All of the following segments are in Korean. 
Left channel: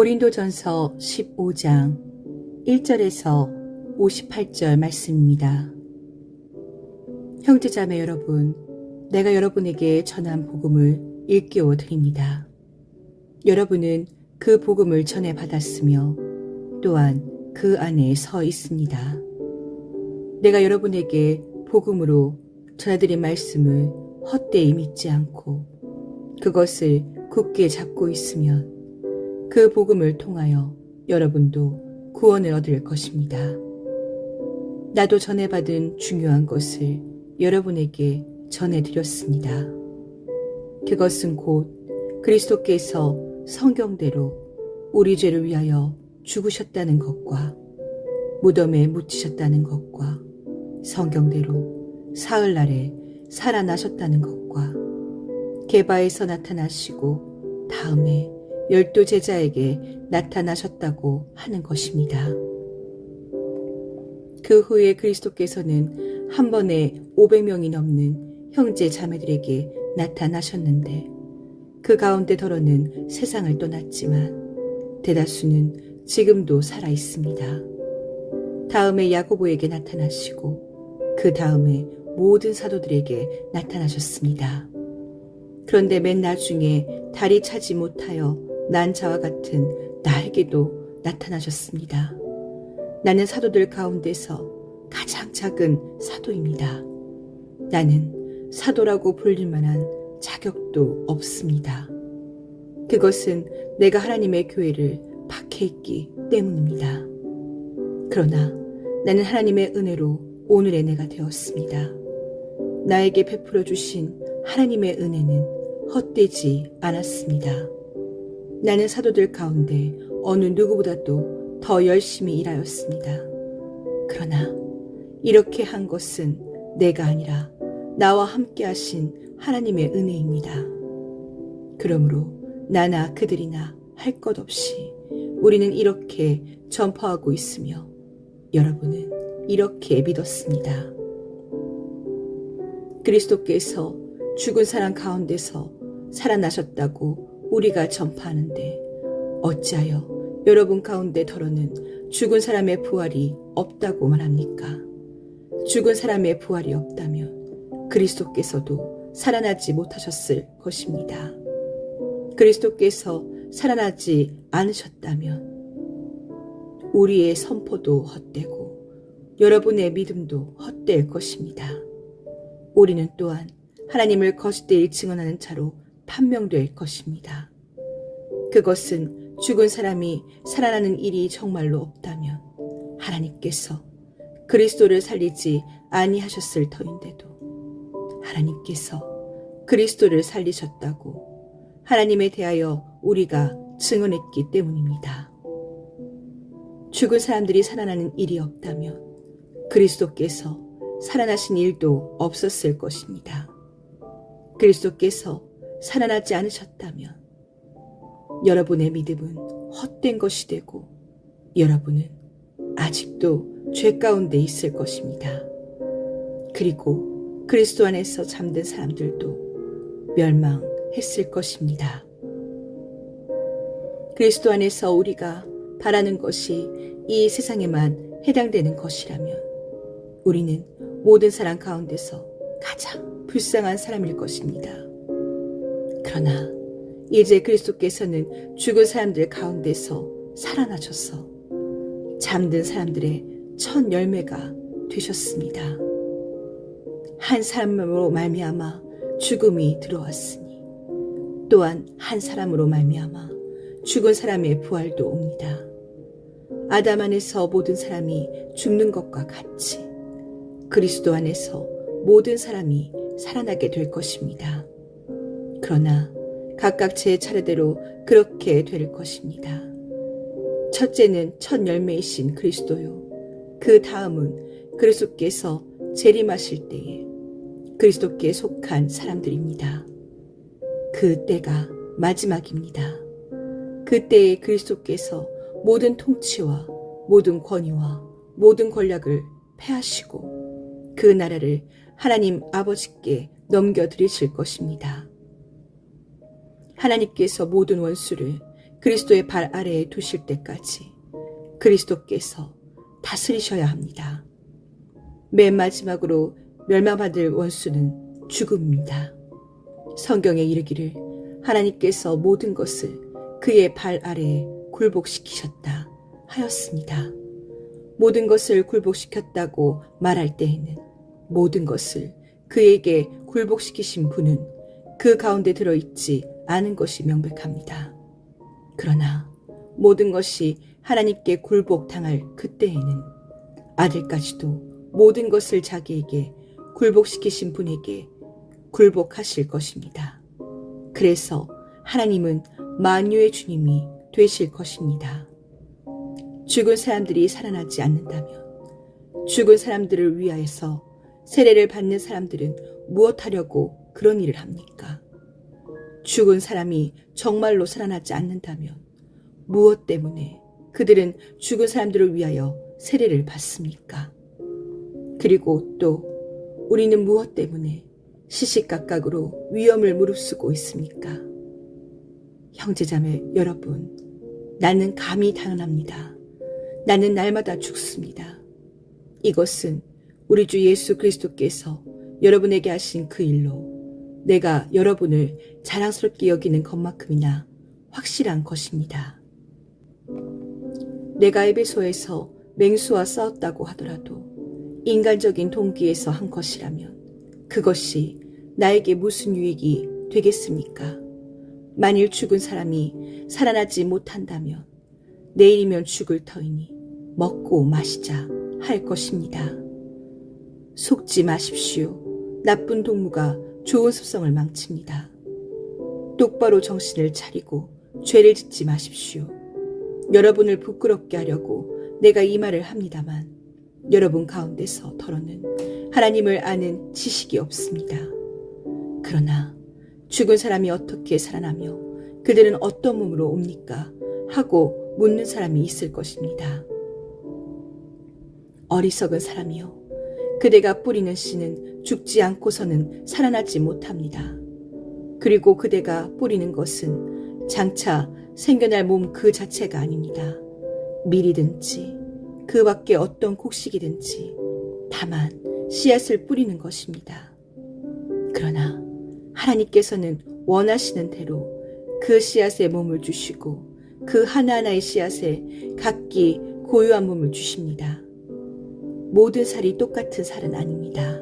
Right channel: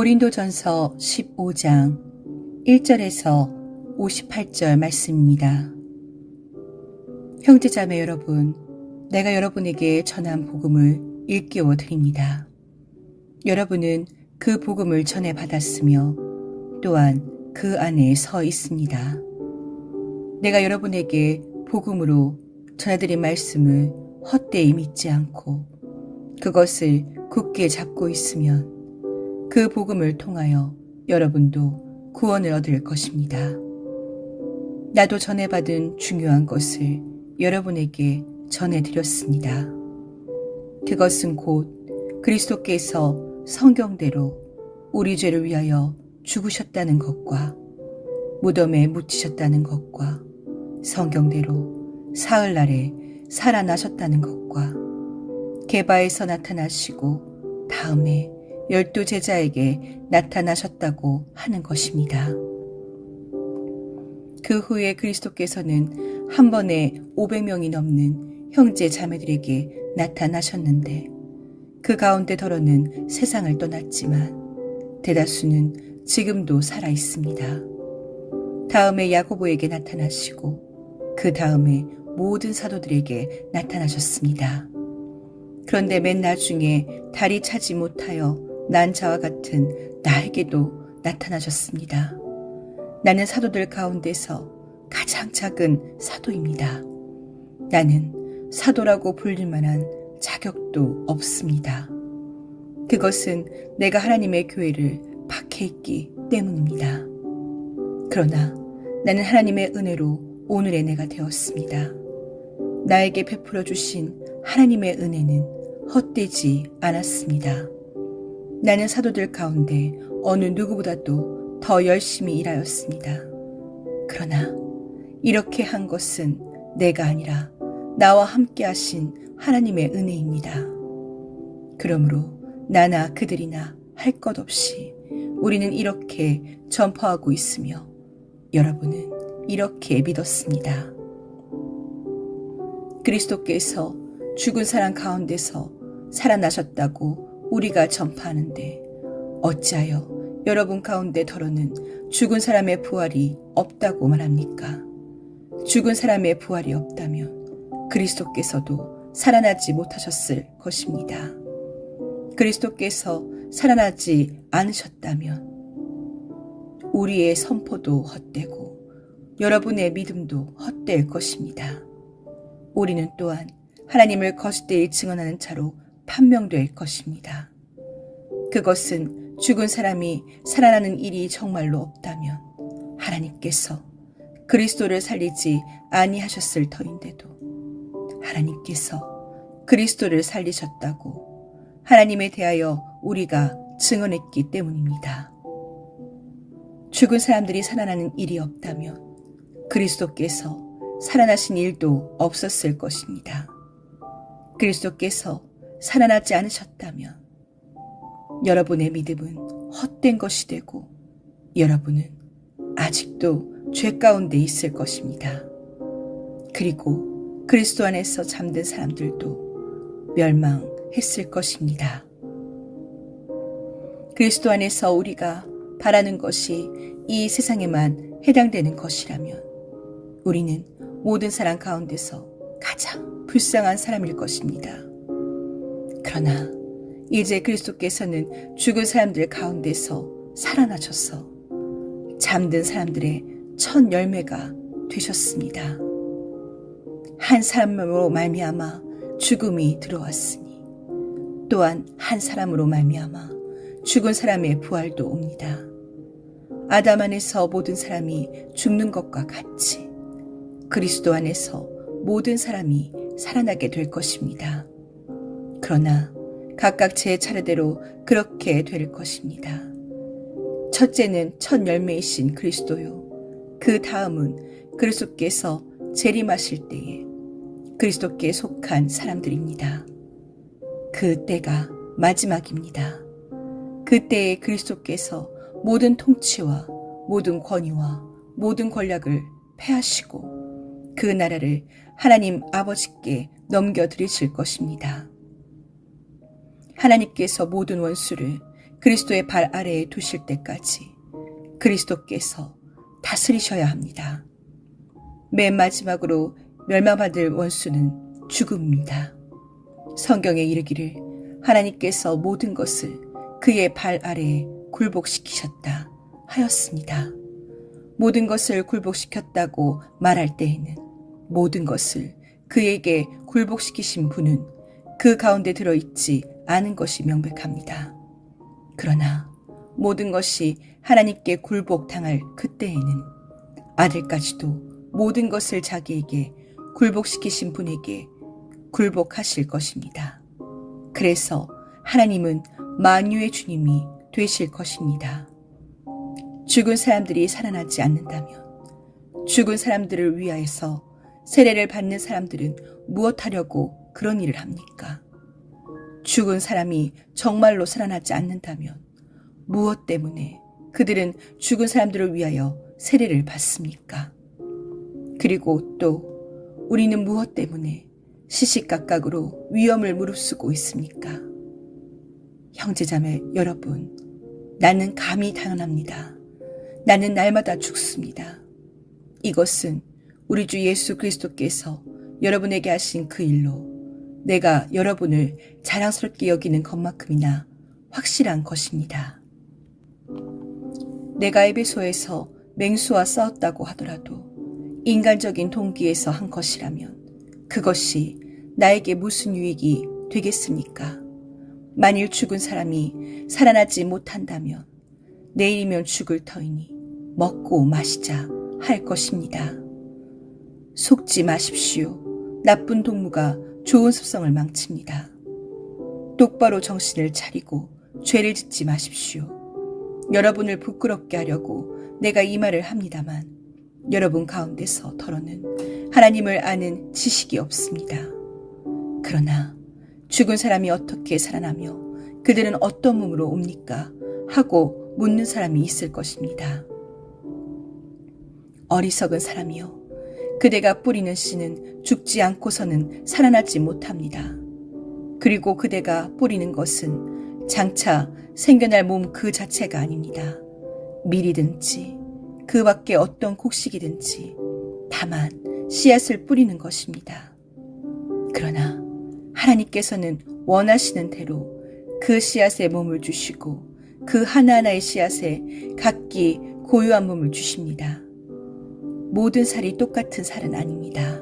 고린도전서 15장 1절에서 58절 말씀입니다. 형제자매 여러분, 내가 여러분에게 전한 복음을 일깨워 드립니다. 여러분은 그 복음을 전해 받았으며 또한 그 안에 서 있습니다. 내가 여러분에게 복음으로 전해드린 말씀을 헛되이 믿지 않고 그것을 굳게 잡고 있으면 그 복음을 통하여 여러분도 구원을 얻을 것입니다. 나도 전해받은 중요한 것을 여러분에게 전해드렸습니다. 그것은 곧 그리스도께서 성경대로 우리 죄를 위하여 죽으셨다는 것과 무덤에 묻히셨다는 것과 성경대로 사흘날에 살아나셨다는 것과 게바에서 나타나시고 다음에 12 제자에게 나타나셨다고 하는 것입니다. 그 후에 그리스도께서는 한 번에 500명이 넘는 형제 자매들에게 나타나셨는데 그 가운데 더러는 세상을 떠났지만 대다수는 지금도 살아 있습니다. 다음에 야고보에게 나타나시고 그 다음에 모든 사도들에게 나타나셨습니다. 그런데 맨 나중에 달이 차지 못하여 난 자와 같은 나에게도 나타나셨습니다. 나는 사도들 가운데서 가장 작은 사도입니다. 나는 사도라고 불릴 만한 자격도 없습니다. 그것은 내가 하나님의 교회를 박해했기 때문입니다. 그러나 나는 하나님의 은혜로 오늘의 내가 되었습니다. 나에게 베풀어 주신 하나님의 은혜는 헛되지 않았습니다. 나는 사도들 가운데 어느 누구보다도 더 열심히 일하였습니다. 그러나 이렇게 한 것은 내가 아니라 나와 함께 하신 하나님의 은혜입니다. 그러므로 나나 그들이나 할 것 없이 우리는 이렇게 전파하고 있으며 여러분은 이렇게 믿었습니다. 그리스도께서 죽은 사람 가운데서 살아나셨다고 우리가 전파하는데 어찌하여 여러분 가운데 더러는 죽은 사람의 부활이 없다고 말합니까? 죽은 사람의 부활이 없다면 그리스도께서도 살아나지 못하셨을 것입니다. 그리스도께서 살아나지 않으셨다면 우리의 선포도 헛되고 여러분의 믿음도 헛될 것입니다. 우리는 또한 하나님을 거짓되이 증언하는 자로 판명될 것입니다. 그것은 죽은 사람이 살아나는 일이 정말로 없다면 하나님께서 그리스도를 살리지 아니하셨을 터인데도 하나님께서 그리스도를 살리셨다고 하나님에 대하여 우리가 증언했기 때문입니다. 죽은 사람들이 살아나는 일이 없다면 그리스도께서 살아나신 일도 없었을 것입니다. 그리스도께서 살아나지 않으셨다면 여러분의 믿음은 헛된 것이 되고 여러분은 아직도 죄 가운데 있을 것입니다. 그리고 그리스도 안에서 잠든 사람들도 멸망했을 것입니다. 그리스도 안에서 우리가 바라는 것이 이 세상에만 해당되는 것이라면 우리는 모든 사람 가운데서 가장 불쌍한 사람일 것입니다. 그러나 이제 그리스도께서는 죽은 사람들 가운데서 살아나셔서 잠든 사람들의 첫 열매가 되셨습니다. 한 사람으로 말미암아 죽음이 들어왔으니 또한 한 사람으로 말미암아 죽은 사람의 부활도 옵니다. 아담 안에서 모든 사람이 죽는 것과 같이 그리스도 안에서 모든 사람이 살아나게 될 것입니다. 그러나 각각 제 차례대로 그렇게 될 것입니다. 첫째는 첫 열매이신 그리스도요. 그 다음은 그리스도께서 재림하실 때에 그리스도께 속한 사람들입니다. 그 때가 마지막입니다. 그때에 그리스도께서 모든 통치와 모든 권위와 모든 권력을 패하시고 그 나라를 하나님 아버지께 넘겨드리실 것입니다. 하나님께서 모든 원수를 그리스도의 발 아래에 두실 때까지 그리스도께서 다스리셔야 합니다. 맨 마지막으로 멸망받을 원수는 죽음입니다. 성경에 이르기를 하나님께서 모든 것을 그의 발 아래에 굴복시키셨다 하였습니다. 모든 것을 굴복시켰다고 말할 때에는 모든 것을 그에게 굴복시키신 분은 그 가운데 들어있지 않은 것이 명백합니다. 그러나 모든 것이 하나님께 굴복당할 그때에는 아들까지도 모든 것을 자기에게 굴복시키신 분에게 굴복하실 것입니다. 그래서 하나님은 만유의 주님이 되실 것입니다. 죽은 사람들이 살아나지 않는다면 죽은 사람들을 위하여서 세례를 받는 사람들은 무엇하려고 그런 일을 합니까? 죽은 사람이 정말로 살아나지 않는다면 무엇 때문에 그들은 죽은 사람들을 위하여 세례를 받습니까? 그리고 또 우리는 무엇 때문에 시시각각으로 위험을 무릅쓰고 있습니까? 형제자매 여러분, 나는 감히 단언합니다. 나는 날마다 죽습니다. 이것은 우리 주 예수 그리스도께서 여러분에게 하신 그 일로 내가 여러분을 자랑스럽게 여기는 것만큼이나 확실한 것입니다. 내가 에베소에서 맹수와 싸웠다고 하더라도 인간적인 동기에서 한 것이라면 그것이 나에게 무슨 유익이 되겠습니까? 만일 죽은 사람이 살아나지 못한다면 내일이면 죽을 터이니 먹고 마시자 할 것입니다. 속지 마십시오. 나쁜 동무가 좋은 습성을 망칩니다. 똑바로 정신을 차리고 죄를 짓지 마십시오. 여러분을 부끄럽게 하려고 내가 이 말을 합니다만 여러분 가운데서 더러는 하나님을 아는 지식이 없습니다. 그러나 죽은 사람이 어떻게 살아나며 그들은 어떤 몸으로 옵니까? 하고 묻는 사람이 있을 것입니다. 어리석은 사람이여, 그대가 뿌리는 씨는 죽지 않고서는 살아나지 못합니다. 그리고 그대가 뿌리는 것은 장차 생겨날 몸 그 자체가 아닙니다. 밀이든지 그 밖에 어떤 곡식이든지 다만 씨앗을 뿌리는 것입니다. 그러나 하나님께서는 원하시는 대로 그 씨앗에 몸을 주시고 그 하나하나의 씨앗에 각기 고유한 몸을 주십니다. 모든 살이 똑같은 살은 아닙니다.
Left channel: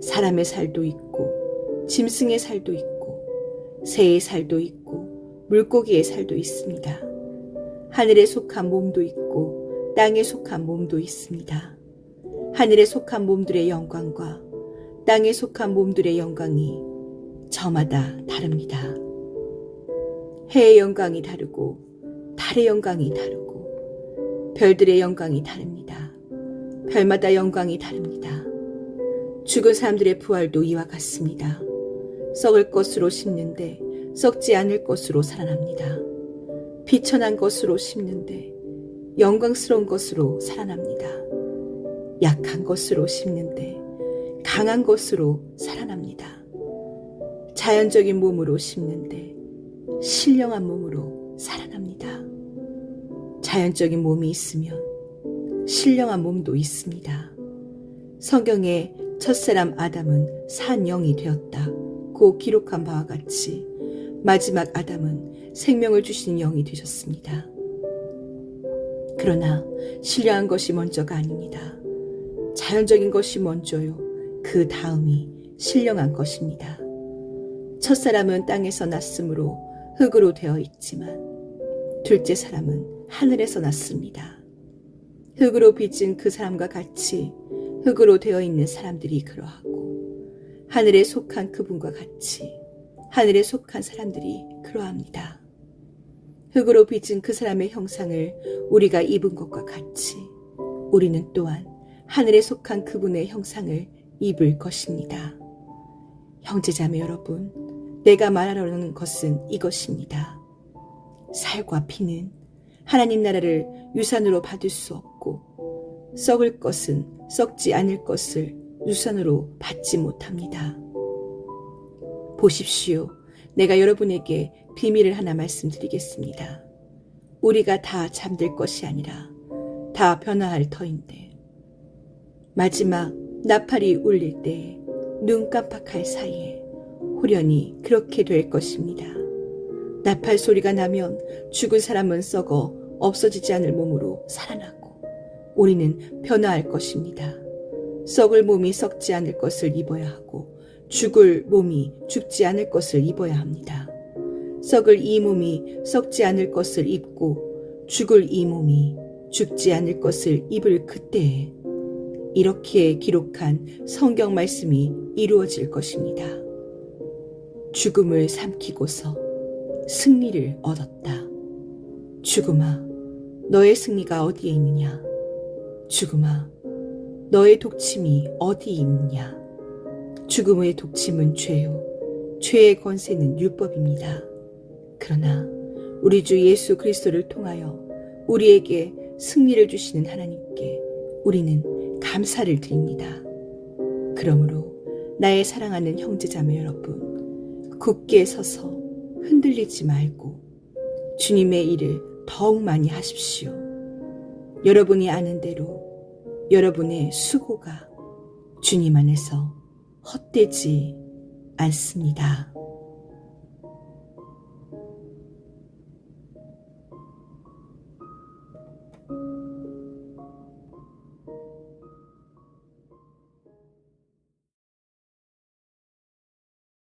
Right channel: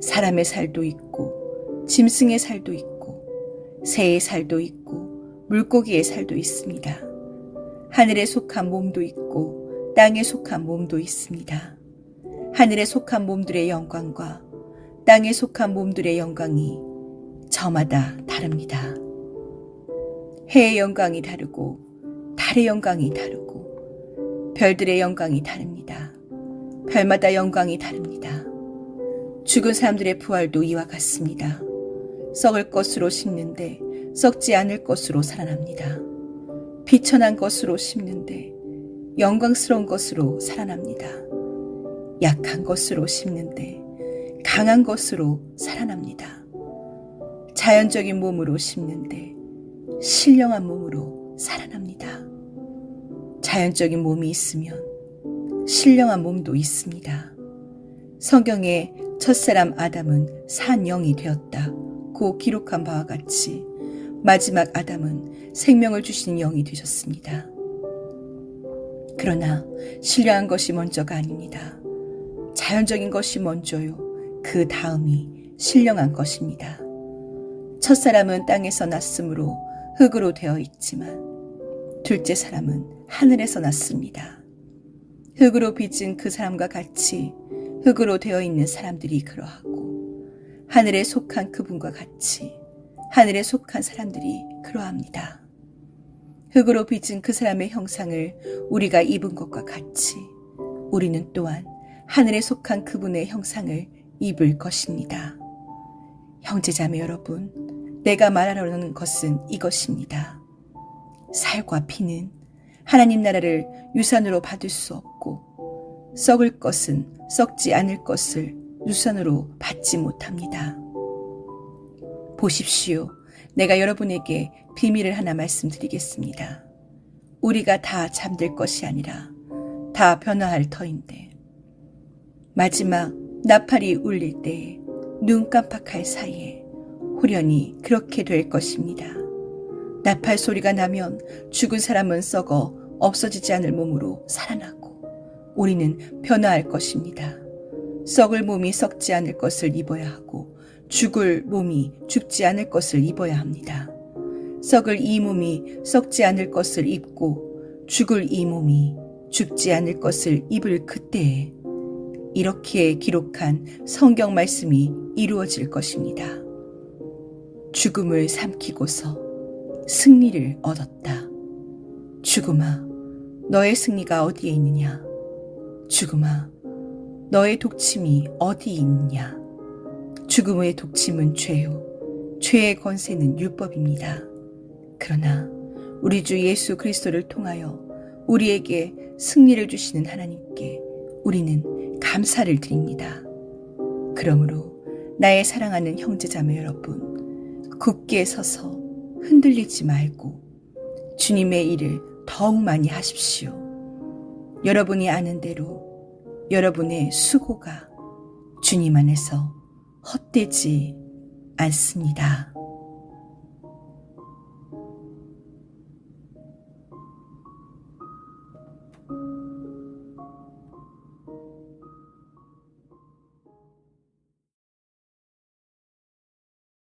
사람의 살도 있고 짐승의 살도 있고 새의 살도 있고 물고기의 살도 있습니다. 하늘에 속한 몸도 있고 땅에 속한 몸도 있습니다. 하늘에 속한 몸들의 영광과 땅에 속한 몸들의 영광이 저마다 다릅니다. 해의 영광이 다르고 달의 영광이 다르고 별들의 영광이 다릅니다. 별마다 영광이 다릅니다. 죽은 사람들의 부활도 이와 같습니다. 썩을 것으로 심는데 썩지 않을 것으로 살아납니다. 비천한 것으로 심는데 영광스러운 것으로 살아납니다. 약한 것으로 심는데 강한 것으로 살아납니다. 자연적인 몸으로 심는데 신령한 몸으로 살아납니다. 자연적인 몸이 있으면 신령한 몸도 있습니다. 성경에 첫사람 아담은 산 영이 되었다고 기록한 바와 같이 마지막 아담은 생명을 주신 영이 되셨습니다. 그러나 신령한 것이 먼저가 아닙니다. 자연적인 것이 먼저요. 그 다음이 신령한 것입니다. 첫사람은 땅에서 났으므로 흙으로 되어 있지만 둘째 사람은 하늘에서 났습니다. 흙으로 빚은 그 사람과 같이 흙으로 되어 있는 사람들이 그러하고 하늘에 속한 그분과 같이 하늘에 속한 사람들이 그러합니다. 흙으로 빚은 그 사람의 형상을 우리가 입은 것과 같이 우리는 또한 하늘에 속한 그분의 형상을 입을 것입니다. 형제자매 여러분, 내가 말하려는 것은 이것입니다. 살과 피는 하나님 나라를 유산으로 받을 수 없고 썩을 것은 썩지 않을 것을 유산으로 받지 못합니다. 보십시오. 내가 여러분에게 비밀을 하나 말씀드리겠습니다. 우리가 다 잠들 것이 아니라 다 변화할 터인데 마지막 나팔이 울릴 때에 눈 깜빡할 사이에 후련히 그렇게 될 것입니다. 나팔 소리가 나면 죽은 사람은 썩어 없어지지 않을 몸으로 살아나고 우리는 변화할 것입니다. 썩을 몸이 썩지 않을 것을 입어야 하고 죽을 몸이 죽지 않을 것을 입어야 합니다. 썩을 이 몸이 썩지 않을 것을 입고 죽을 이 몸이 죽지 않을 것을 입을 그때에 이렇게 기록한 성경 말씀이 이루어질 것입니다. 죽음을 삼키고서 승리를 얻었다. 죽음아, 너의 승리가 어디에 있느냐? 죽음아, 너의 독침이 어디에 있느냐? 죽음의 독침은 죄요. 죄의 권세는 율법입니다. 그러나 우리 주 예수 그리스도를 통하여 우리에게 승리를 주시는 하나님께 우리는 감사를 드립니다. 그러므로 나의 사랑하는 형제자매 여러분, 굳게 서서 흔들리지 말고 주님의 일을 더욱 많이 하십시오. 여러분이 아는 대로 여러분의 수고가 주님 안에서 헛되지 않습니다.